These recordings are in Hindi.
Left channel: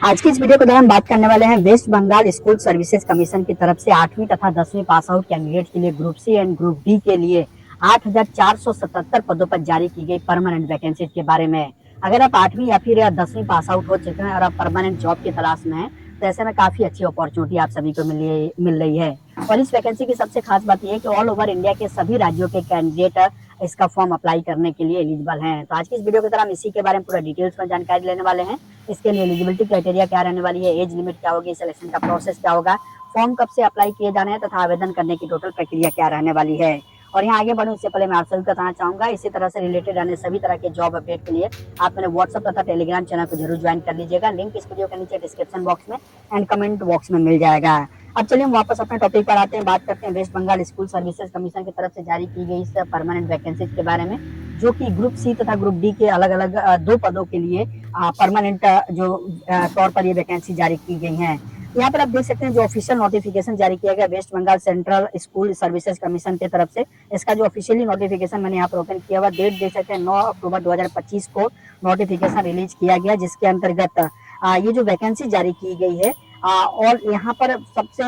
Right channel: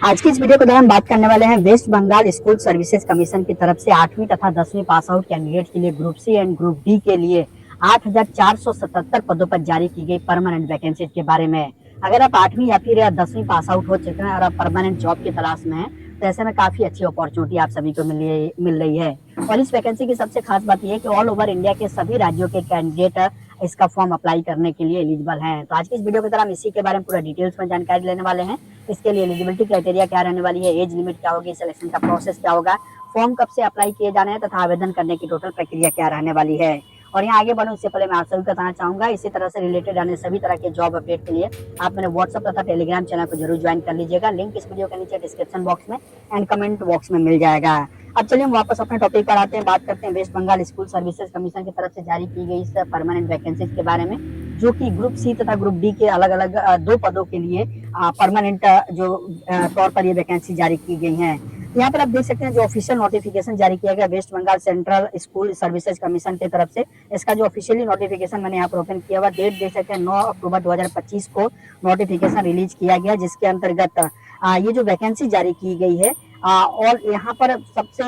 आज की इस वीडियो के दौरान बात करने वाले हैं West Bengal school services commission की तरफ से 8वीं तथा 10वीं पास आउट कैंडिडेट के लिए group C and group D के लिए 8,477 पदों पर जारी की गई परमानेंट वैकेंसी के बारे में। अगर आप 8वीं या फिर 10वीं पास आउट हो चुके हैं और आप परमानेंट जॉब की तलाश में हैं, तो ऐसे में काफी अच्छी अपॉर्चुनिटी आप सभी को मिल रही है। और इस वैकेंसी की सबसे खास बात यह है कि ऑल ओवर इंडिया के सभी राज्यों के कैंडिडेट इसका फॉर्म अप्लाई करने के लिए एलिजिबल हैं। तो आज की इस वीडियो के दौरान हम इसी के बारे में पूरा डिटेल्स में जानकारी लेने वाले हैं। इसके लिए एलिजिबिलिटी क्राइटेरिया क्या रहने वाली है, एज लिमिट क्या होगी, सिलेक्शन का प्रोसेस क्या होगा, फॉर्म कब से अप्लाई किए जाने हैं तथा आवेदन करने की टोटल प्रक्रिया क्या रहने वाली है। और यहाँ आगे बढ़ूं उससे पहले मैं आप सभी को बताना चाहूंगा, इसी तरह से रिलेटेड आने सभी तरह के जॉब अपडेट के लिए आप मेरे व्हाट्सएप तथा टेलीग्राम चैनल को जरूर ज्वाइन कर लीजिएगा। लिंक इस वीडियो के नीचे डिस्क्रिप्शन बॉक्स में एंड कमेंट बॉक्स में मिल जाएगा। अब चलिए हम वापस अपने टॉपिक पर आते हैं, बात करते हैं West Bengal school services commission की तरफ से जारी की गई इस परमानेंट वैकेंसीज के बारे में, जो कि ग्रुप सी तथा ग्रुप डी के अलग अलग दो पदों के लिए परमानेंट जो तौर पर ये वैकेंसी जारी की गई हैं। यहाँ पर आप देख सकते हैं जो ऑफिशियल नोटिफिकेशन जारी किया गया West Bengal central school services commission की तरफ से, इसका जो ऑफिशियली नोटिफिकेशन मैंने यहाँ पर ओपन किया हुआ, डेट देख सकते हैं 9 अक्टूबर 2025 को नोटिफिकेशन रिलीज किया गया, जिसके अंतर्गत ये जो वैकेंसी जारी की गई है। और यहाँ पर सबसे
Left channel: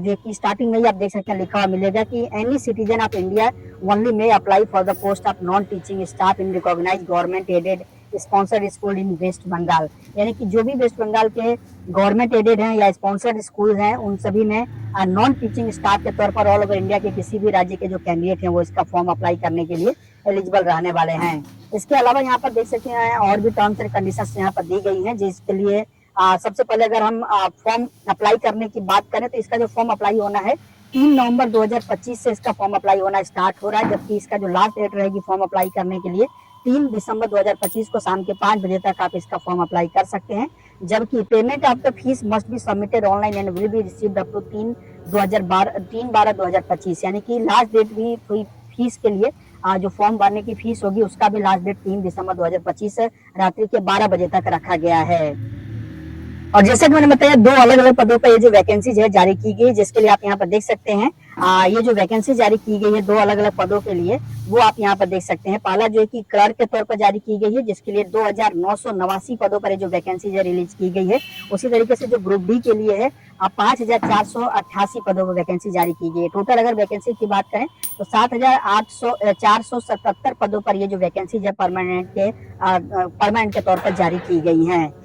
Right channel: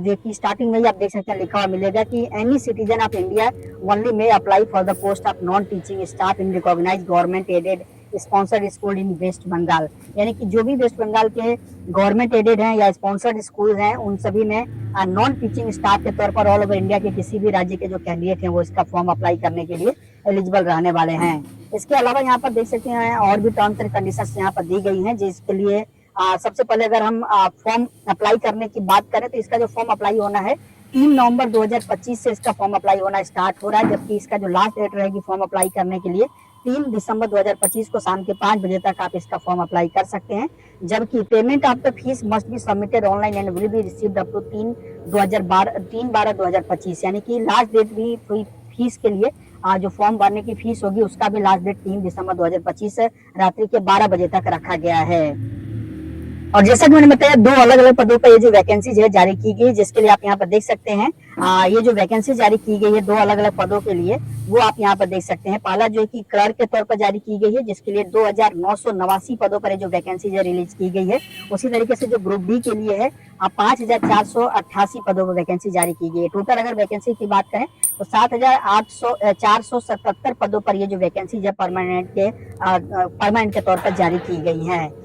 जो कि स्टार्टिंग में ही आप देख सकते हैं लिखा हुआ मिलेगा कि any citizen of India only may apply for the post of non teaching staff in recognised government aided sponsored school in West Bengal. यानी कि जो भी वेस्ट बंगाल के गवर्नमेंट एडेड हैं या स्पॉन्सर्ड स्कूल हैं, उन सभी में नॉन टीचिंग स्टाफ के तौर पर ऑल ओवर इंडिया के किसी भी राज्य के जो कैंडिडेट हैं वो इसका फॉर्म अप्लाई करने के लिए एलिजिबल रहने वाले हैं। इसके अलावा यहाँ पर देख सकते हैं और भी टर्म्स एंड कंडीशंस यहाँ पर दी गई हैं, जिसके लिए सबसे पहले अगर हम फॉर्म अप्लाई करने की बात करें तो इसका जो फॉर्म अप्लाई होना है 3 नवंबर 2025 से इसका फॉर्म अप्लाई होना स्टार्ट हो रहा है, जबकि इसका जो लास्ट डेट रहेगी फॉर्म अप्लाई करने के लिए 3 दिसंबर 2025 को शाम के 5 बजे तक आप इसका फॉर्म अप्लाई कर सकते हैं। जबकि payment of the fees must be submitted online and will be received up to 3/12/2025। यानी कि लास्ट डेट भी फीस के लिए जो फॉर्म भरने की फीस होगी उसका भी लास्ट डेट 3 दिसंबर 2025 रात्रि के 12 बजे तक रखा गया है। और जैसा कि मैंने बताया, दो अलग अलग पदों पर ये जो वैकेंसी है जारी की गई, जिसके लिए आप यहाँ पर देख सकते हैं ये जो वैकेंसी जारी की गई है दो अलग अलग पदों के लिए, वो आप यहाँ पर देख सकते हैं। पहला जो है कि क्लर्क के तौर पर जारी की गई है, जिसके लिए 2,989 पदों पर जो वैकेंसी जो रिलीज की गई है। उसी तरीके से जो ग्रुप डी के लिए है 5,488 पदों पर वैकेंसी जारी की गई है। टोटल अगर वैकेंसी की बात करें तो 7,477 पदों पर ये जो वैकेंसी है परमानेंट के तौर पर जारी की गई है।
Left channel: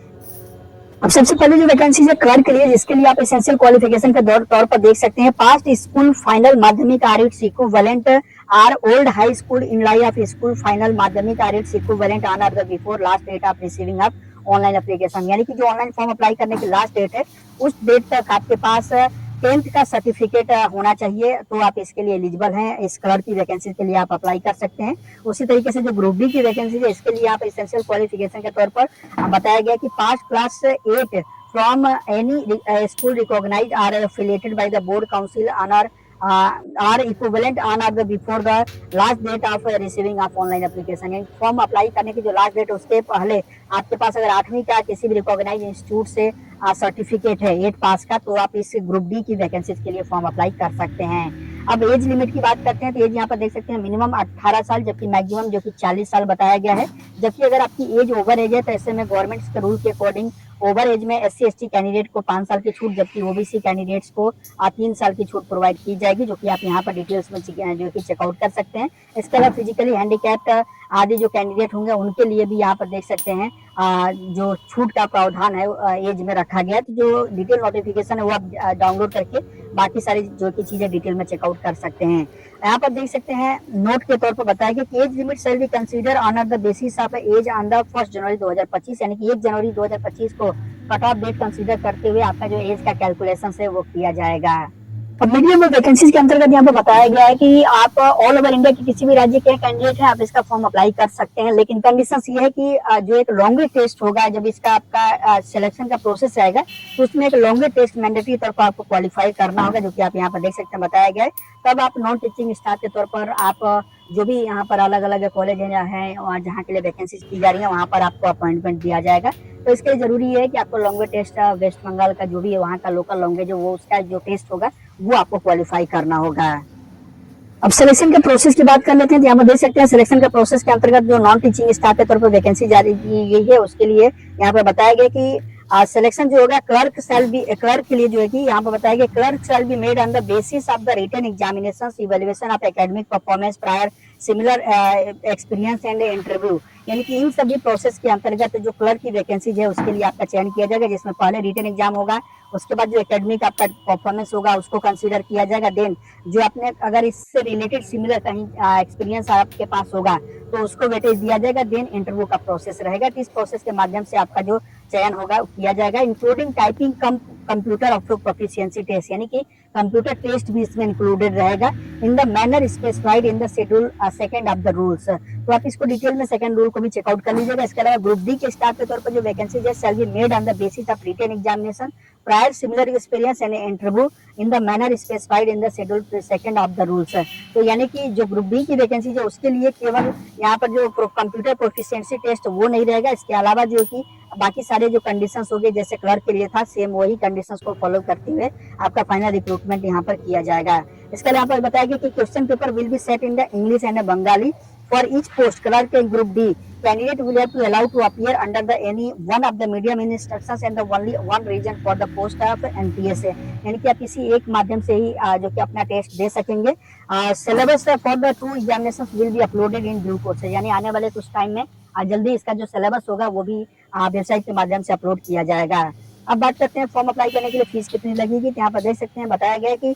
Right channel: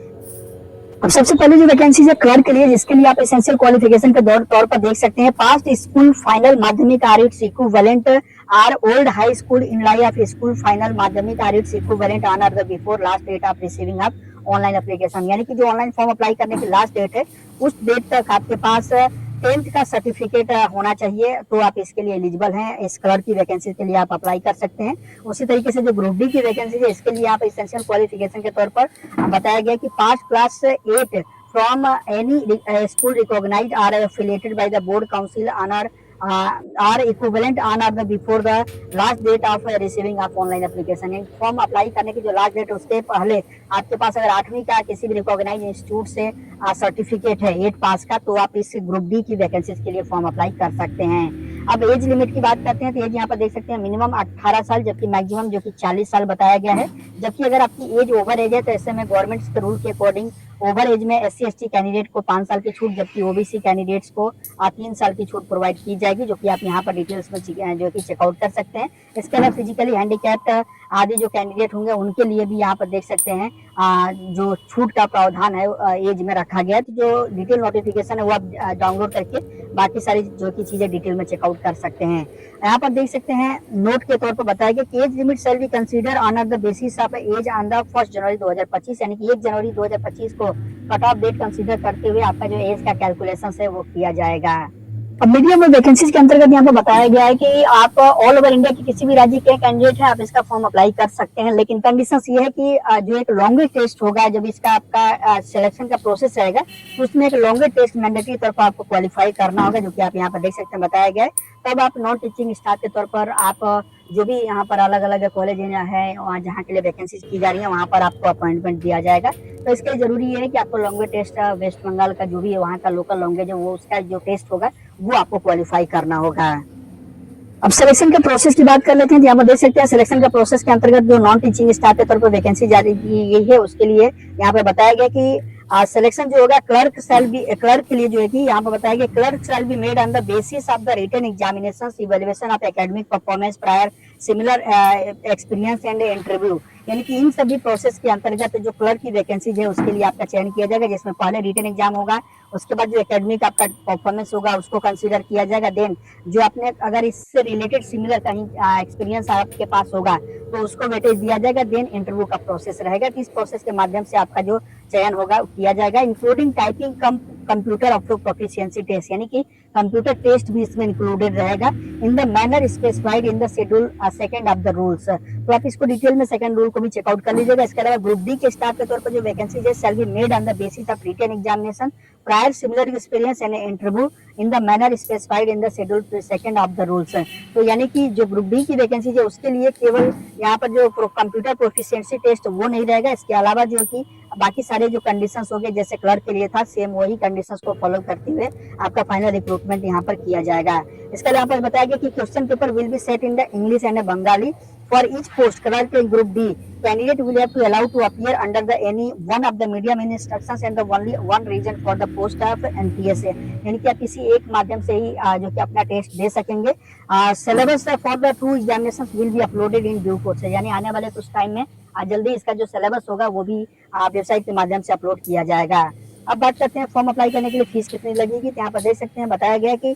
अब सबसे पहले जो वैकेंसी है क्लर्क के लिए, जिसके लिए आप एसेंशियल क्वालिफिकेशन के तौर पर देख सकते हैं passed school final Madhyamik or its equivalent or old high school in lieu of school final Madhyamik or its equivalent on the before last date of receiving of online application. यानी कि जो ऑनलाइन फॉर्म अप्लाई करने की लास्ट डेट है उस डेट तक आपके पास 10th का सर्टिफिकेट होना चाहिए, तो आप इसके लिए एलिजिबल हैं। इस क्लर्क की वैकेंसी के लिए आप अप्लाई कर सकते हैं। उसी तरीके से जो ग्रुप डी की वैकेंसी है इसके लिए आप एसेंशियल क्वालिफिकेशन के तौर पर बताया गया कि pass class 8 from any school recognised or affiliated by the board council on or equivalent on of the before the last date of receiving of online application. Form apply करने की जो लास्ट डेट उसके पहले आपके पास अगर 8वीं का किसी भी रिकॉग्नाइज इंस्टीट्यूट से सर्टिफिकेट है 8 पास का, तो आप इस ग्रुप डी की वैकेंसी के लिए फॉर्म अप्लाई कर सकते हैं। अब एज लिमिट की बात करते हैं तो एज यहाँ पर देख सकते हैं मिनिमम 18 साल, जबकि मैक्सिमम जो कि 40 साल बताया गया है। जबकि अगर आपकी एज ओवर एज है तो ऐसे में गवर्नमेंट के रूल के अकॉर्डिंग ओवर एज में SC ST कैंडिडेट को 5 साल की छूट, जबकि OBC कैंडिडेट्स को 3 साल की छूट प्रोवाइड की जाएगी, जो कि आप यहाँ पर डिटेल्स में जो कि चेकआउट कर सकते हैं। इसके अलावा फिजिकली हैंडीकैप्ड आदि जो कैंडिडेट होंगे उनके लिए भी यहाँ पर देख सकते हैं जो छूट का प्रावधान है एज में रखा गया है। तो जो डिटेल नोटिफिकेशन है वो आप डाउनलोड करके बाकी सारी जो की चीजें डिटेल में चेकआउट कर सकते हैं। यहाँ पर देख सकते हैं नोट के तौर पर बताया गया कि age limit shall be consider on the basis of age on the 1 January 2025। यानी कि 1 जनवरी 2025 को कट ऑफ डेट कंसीडर करते हुए आपका जो एज का कैलकुलेशन है वो किया जाएगा। अब मीडियम में वैकेंसीज के अंतर्गत यहाँ पे बताया गया है कि आप ऑल ओवर इंडिया के किसी भी राज्य के कैंडिडेट हैं, आप इसका फॉर्म अप्लाई कर सकते हैं। लेकिन कंडीशन ये है कि जो एक लॉन्गर टेस्ट होगा, जब इसका आपका सिलेक्शन का प्रोसेस रहेगा तो उसमें एक लॉन्गर टेस्ट मैंडेटरी तौर पर आपको क्वालिफाई करना होगा, जो कि आप यहाँ पर देख सकते हैं बताया गया है। तब आप नॉन टीचिंग स्टाफ के तौर पर आप जो भी यहाँ पर अलग अलग कॉलेज है जहाँ के लिए वैकेंसी की जा रही है वहाँ पर आपको अपॉइंटमेंट दिया जाएगा। तो इसके लिए जरूरी है कि आपको लॉन्गर टेस्ट वेस्ट बंगाल का जो भी वहाँ का लोकल लैंग्वेज है वो उसका जो टेस्ट होगा वो आपको क्वालिफाई करना होगा। अब सिलेक्शन के प्रोसेस की बात कर लेते हैं। यहाँ पर देख सकते हैं सिलेक्शन का प्रोसेस के अंतर्गत जो नॉन टीचिंग स्टाफ के तौर पर वैकेंसी जारी की गई है उसके लिए यहाँ पर बताया गया कि सिलेक्शन जो होगा क्लर्क के लिए जो है कि यहाँ पर बताया गया clerk shall be made on the basis of the written examination evaluation of academic performance prior similar experience and interview. यानी कि इन सभी प्रोसेस के अंतर्गत जो क्लर्क की वैकेंसीज है उसके लिए आपका चयन किया जाएगा, जिसमें पहले रिटन एग्जाम होगा, उसके बाद जो एकेडमिक आपका परफॉर्मेंस होगा उसको कंसीडर किया जाएगा, देन जो अपने अगर इससे रिलेटेड सिमिलर कहीं एक्सपीरियंस आपके पास होगा तो उसको वेटेज दिया जाएगा, देन इंटरव्यू का प्रोसेस रहेगा। इस प्रोसेस के माध्यम से आपका जो चयन होगा वो किया जाएगा, इंक्लूडिंग टाइपिंग कम कंप्यूटर अप्रूव प्रोफिशिएंसी टेस्ट, यानी कि कंप्यूटर टेस्ट भी इसमें इंक्लूडेड रहेगा इन the manner specified in the schedule second of the rules. तो आप इसको डिटेल में सेकंड रूल को भी चेकआउट कर लीजिएगा। इसके अलावा ग्रुप डी के स्टाफ के तौर पर जो वैकेंसी है shall be made on the basis of written examination prior similar experience and interview in the manner specified in the schedule second of the rules. तो यानी कि जो ग्रुप डी की वैकेंसी है उसके लिए केवल यहाँ पर जो कंप्यूटर प्रोफिशिएंसी टेस्ट वो नहीं रहेगा, इसके अलावा जो कि बाकी सारे जो कंडीशंस हो गए जैसे क्लर्क के लिए था सेम वही कंडीशंस को फॉलो करते हुए आपका फाइनल रिक्रूटमेंट यहाँ पर किया जाएगा। इसका यहाँ पर बताया गया कि question paper will be set in the English and Bengali for each post clerk in group D candidate will have to allow to appear under the any one of the medium in instructions and the only one region for the post of NPSA, यानी कि आप किसी एक माध्यम से ही जो कि अपना टेस्ट दे सकेंगे। Syllabus for the two examination will be uploaded in due course, यानी आने वाले कुछ टाइम में जल्दी इसका जो सिलेबस होगा वो भी वेबसाइट के माध्यम से अपलोड किया जाएगा। अब बात करते हैं फॉर्म अप्लाई करने के लिए फीस कितनी लगेगी। तो यहाँ पर देख सकते हैं बताया गया है कि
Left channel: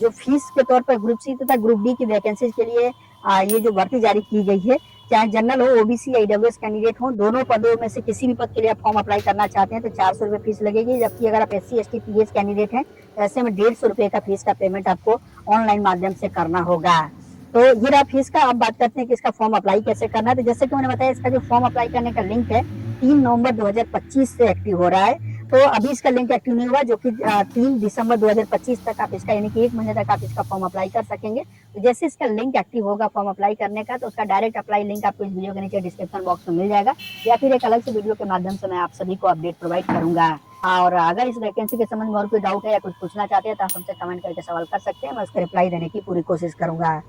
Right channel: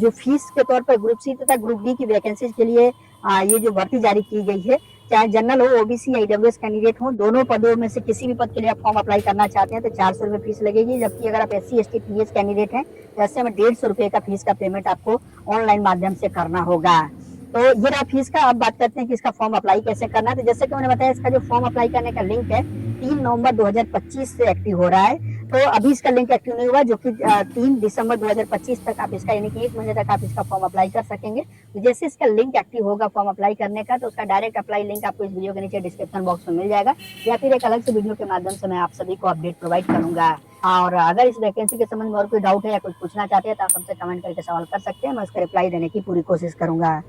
जो फीस के तौर पर ग्रुप सी तथा ग्रुप डी की वैकेंसीज के लिए ये जो भर्ती जारी की गई है, चाहे जनरल हो ओबीसी या ईडब्ल्यूएस कैंडिडेट हो, दोनों पदों में से किसी भी पद के लिए आप फॉर्म अप्लाई करना चाहते हैं तो 400 रुपये फीस लगेगी, जबकि अगर आप एससी एसटी पीएस कैंडिडेट हैं तो ऐसे में 150 रुपये का फीस का पेमेंट आपको ऑनलाइन माध्यम से करना होगा। तो ये रहा फीस का। अब बात करते हैं कि इसका फॉर्म अप्लाई कैसे करना है। तो जैसे कि मैंने बताया इसका जो फॉर्म अप्लाई करने का लिंक है 3 नवंबर 2025 से एक्टिव हो रहा है। तो अभी इसका लिंक एक्टिव नहीं हुआ, जो कि 3 दिसंबर 2025 तक आप इसका यानी कि 1 महीने तक आप इसका फॉर्म अप्लाई कर सकेंगे। तो जैसे इसका लिंक एक्टिव होगा फॉर्म अप्लाई करने का तो उसका डायरेक्ट अप्लाई लिंक आपको इस वीडियो के नीचे डिस्क्रिप्शन बॉक्स में मिल जाएगा, या फिर एक अलग से वीडियो के माध्यम से मैं आप सभी को अपडेट प्रोवाइड करूंगा। और अगर इस वैकेंसी के संबंध में और कोई डाउट है या कुछ पूछना चाहते हैं तो आप हमसे कमेंट करके सवाल कर सकते हैं, मैं उसका रिप्लाई देने की पूरी कोशिश करूंगा।